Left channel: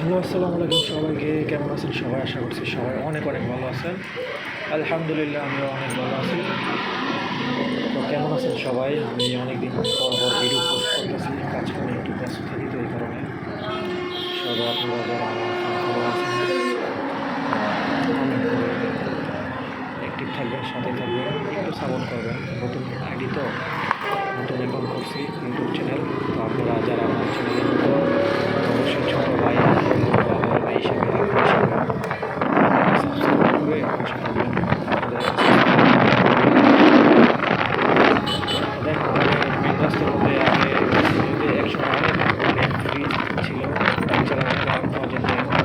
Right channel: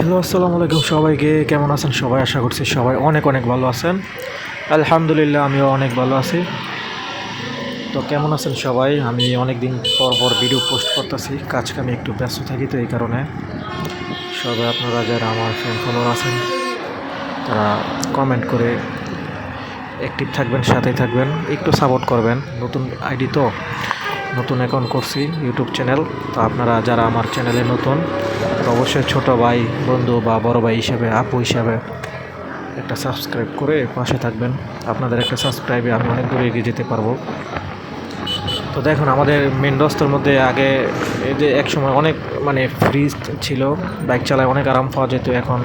Hello, আসসালামু আলাইকুম সবাইকে। কেমন আছেন সবাই? আশা করছি সবাই অনেক অনেক ভালো আছেন। আলহামদুলিল্লাহ, আমিও অনেক ভালো আছি। তো কেমন আছেন সবাই? আমি অনেক দিন পর পর ভিডিও পোস্ট করতেছি, কাজ কামে একটু ব্যস্ত থাকি, তো এই কারণে সবাই আপনারা যারা আমার ফ্যান ফলোয়ার আছেন তারা কমেন্ট করে অ্যাক্টিভ থাকবেন, সাথেই থাকবেন, একটু সাপোর্ট করবেন। নতুন আইডি তো, নতুন অ্যাকাউন্ট করছি ইউটিউব চ্যানেল। তো আপনারা যারা আমার চ্যানেলে নতুন, তো অবশ্যই ছোটো ভাই, বন্ধু বা বড় ভাই হিসেবে, আপু হিসাবে একটা সাবস্ক্রাইব করে পাশে থাকবেন। আপনাদের একটা সাবস্ক্রাইবে আমি অনেক দূরে এগিয়ে যেতে পারবো। তো দেখুন, আমাদের মেন রাস্তার মধ্যে আগে এই যে একসময় অনেক ফ্রিজ ছিল, বাইক চালায় অনেক আরাম পাওয়া যেত। এখন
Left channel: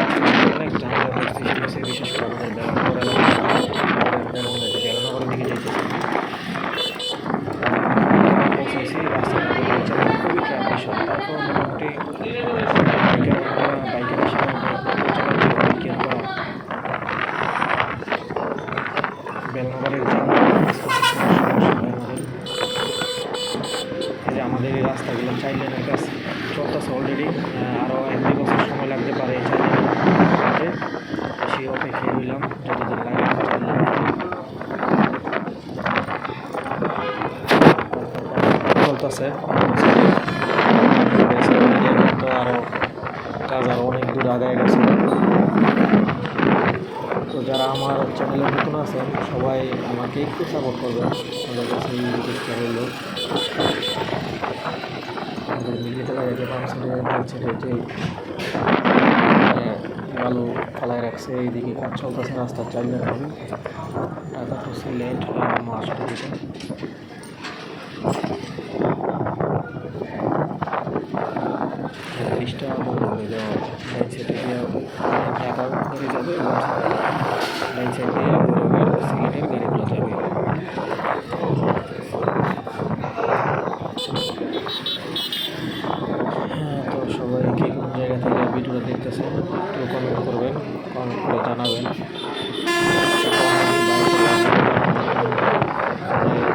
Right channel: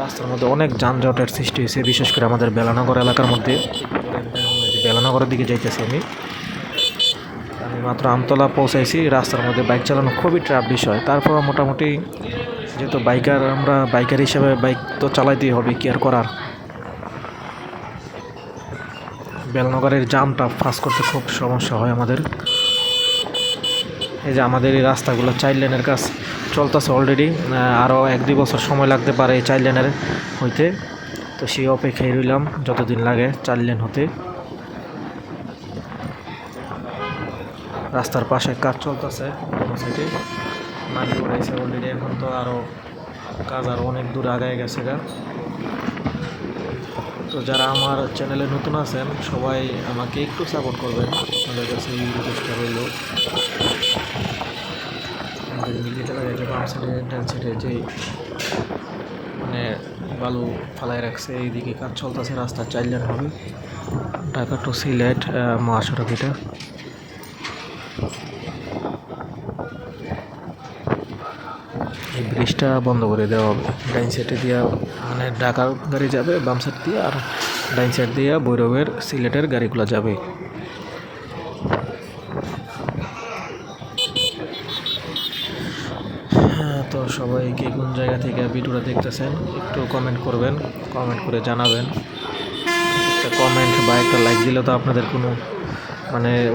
রাস্তার মধ্যে অনেক যানজটের সৃষ্টি হয়েছে, বিশেষ করে আমাদের বেলানগর এলাকার মধ্যে। বেলানগরের দিকে যাইতেছি আমি মাত্র আমতলা পৌঁছাইছি। রাস্তার মধ্যে বাইক চালানো খুবই ট্রাফ বিষয়। তারপর মোটামুটি কিন্তু আমরা বাইকার হিসাবে বাইক তো চালাইতেই হবে, কি আর করার। বেলনগরের জামটা পাস করতে খুব সমস্যা হয় আমাদের। এই যে আমাদের এই রাস্তাগুলো 4 লেনের কাজ চলতেছে অলরেডি, আরও 1-2 বছর সময় লাগতে পারে এই 4 লেনের হইতে। তো সেই অপেক্ষায় রইলাম যতদিন লাগে 4 লেন হইতে। রাস্তার পাশের কাজ চলতেছে অলরেডি, এখন তো আরও কাজ আরও অনেক দূর আগায় গেছিল। তো যারা আমার চ্যানেলে নতুন আছেন সবাই আমাকে একটু সাপোর্ট করবেন, আমাদের কাছে এই রিকোয়েস্টটা রইল। আমাদের মিলিয়ে লাগে বাম সাইডে ডান সাইডে যে বালু ফালায় রাখছে, এইদিকে কাজ চলতেছে। রাস্তা 4 লেন হবে, ঢাকা টু সিলেট মহাসড়ক এটা। ব্রিজটা বন্ধ করে দেওয়া হবে। ডাইন সাইডে দিয়ে ঢাকার গাড়ি যাবে, বাম সাইড দিয়ে, আর ডাইন সাইড দিয়ে ভৈরবের সিলেটের গাড়িগুলো যাবে। হ্যাঁ, তো সবাই কি কোন জায়গা থেকে ভিডিওটা দেখতেছেন একটু কমেন্ট করবেন, কমেন্ট করে জানাবেন। একটা কমেন্ট বা একটা লাইক দিলে তো আপনাদের কোনো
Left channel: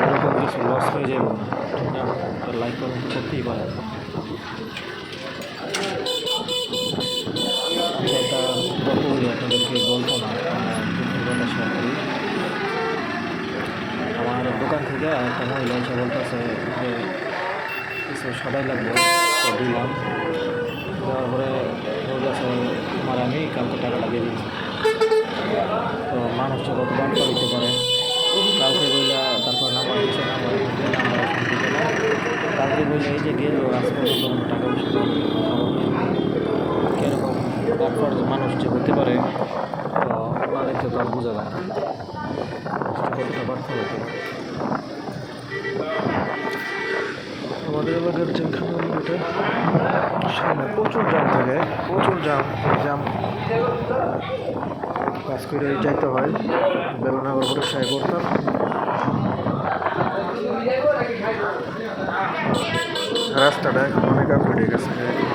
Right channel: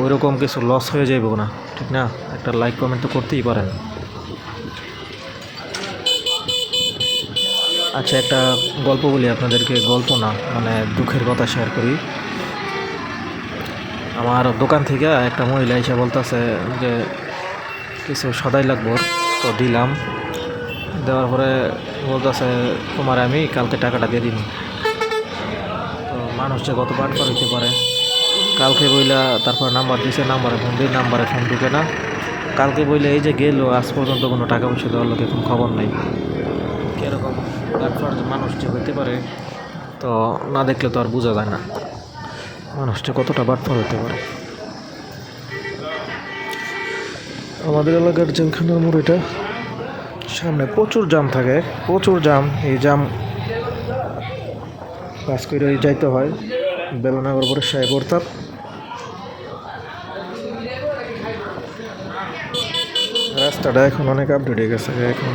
ওইরকম কিছু লস হয়ে যাইব না, ঠিক না? একটা লাইক কমেন্ট তো করতেই পারেন। আচ্ছা, একটা গল্প বলি আপনাদেরকে, গল্প না দুঃখের কথা শেয়ার করি। আমার দোকান থেকে একটা মহিলা এসে বলতেছে যে কিছু সদাই লাগবে, তো দিলাম। দেওয়ার পরে বলতেছে তোমার আমি কালকে টাকাটা দিয়ে দিন। তো মানুষ যে কতবার দিতে পারে, কালকে বইলা তারপর নাম্বার দিছে, নাম্বারে ফোন দিয়ে নাম্বারে ফোন দিবে না। কালকে বইলে এই যে গেল, আজ পর্যন্ত কোনো টাকা পয়সা দেওয়ার লোকের কোনো খবর নেই। কীরকম তারপর মানুষ যে হইতে পারে, তো না দেখলে তো আর বোঝা যায় না মানুষটা কতটা বাটফার হতে পারে। আমাদের এলাকার যেখানে মোড়, এটা সামনে প্রচুর জ্যাম থাকে, প্রচুর জ্যাম। এই জ্যাম কাজ করে যাইতে হয় বেলনগর বরিশাল করতাম। রাস্তাটা এখন অনেক আপডেট হয়ে গেছে। এখন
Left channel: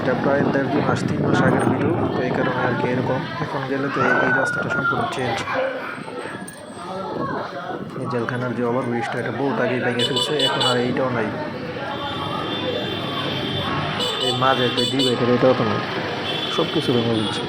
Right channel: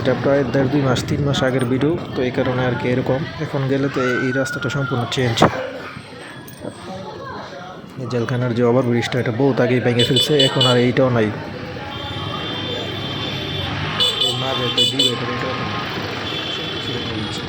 এটা প্রায় 1.5-2 মাস 3 মাস আগের ভিডিও, তো এই কারণে আর কি এরকম। এখন গেলে তো এই রাস্তাটা সম্পূর্ণ চেঞ্জ। জেলখানার যে ওভার ব্রিজটা, এটা বহুত আগেই ভেঙে ফেলছে, এখন আর এইটাও নাই। এই মাঝে ডিভাইডার এটাও তো নেই, সব কিছু ভেঙে ফেলছে।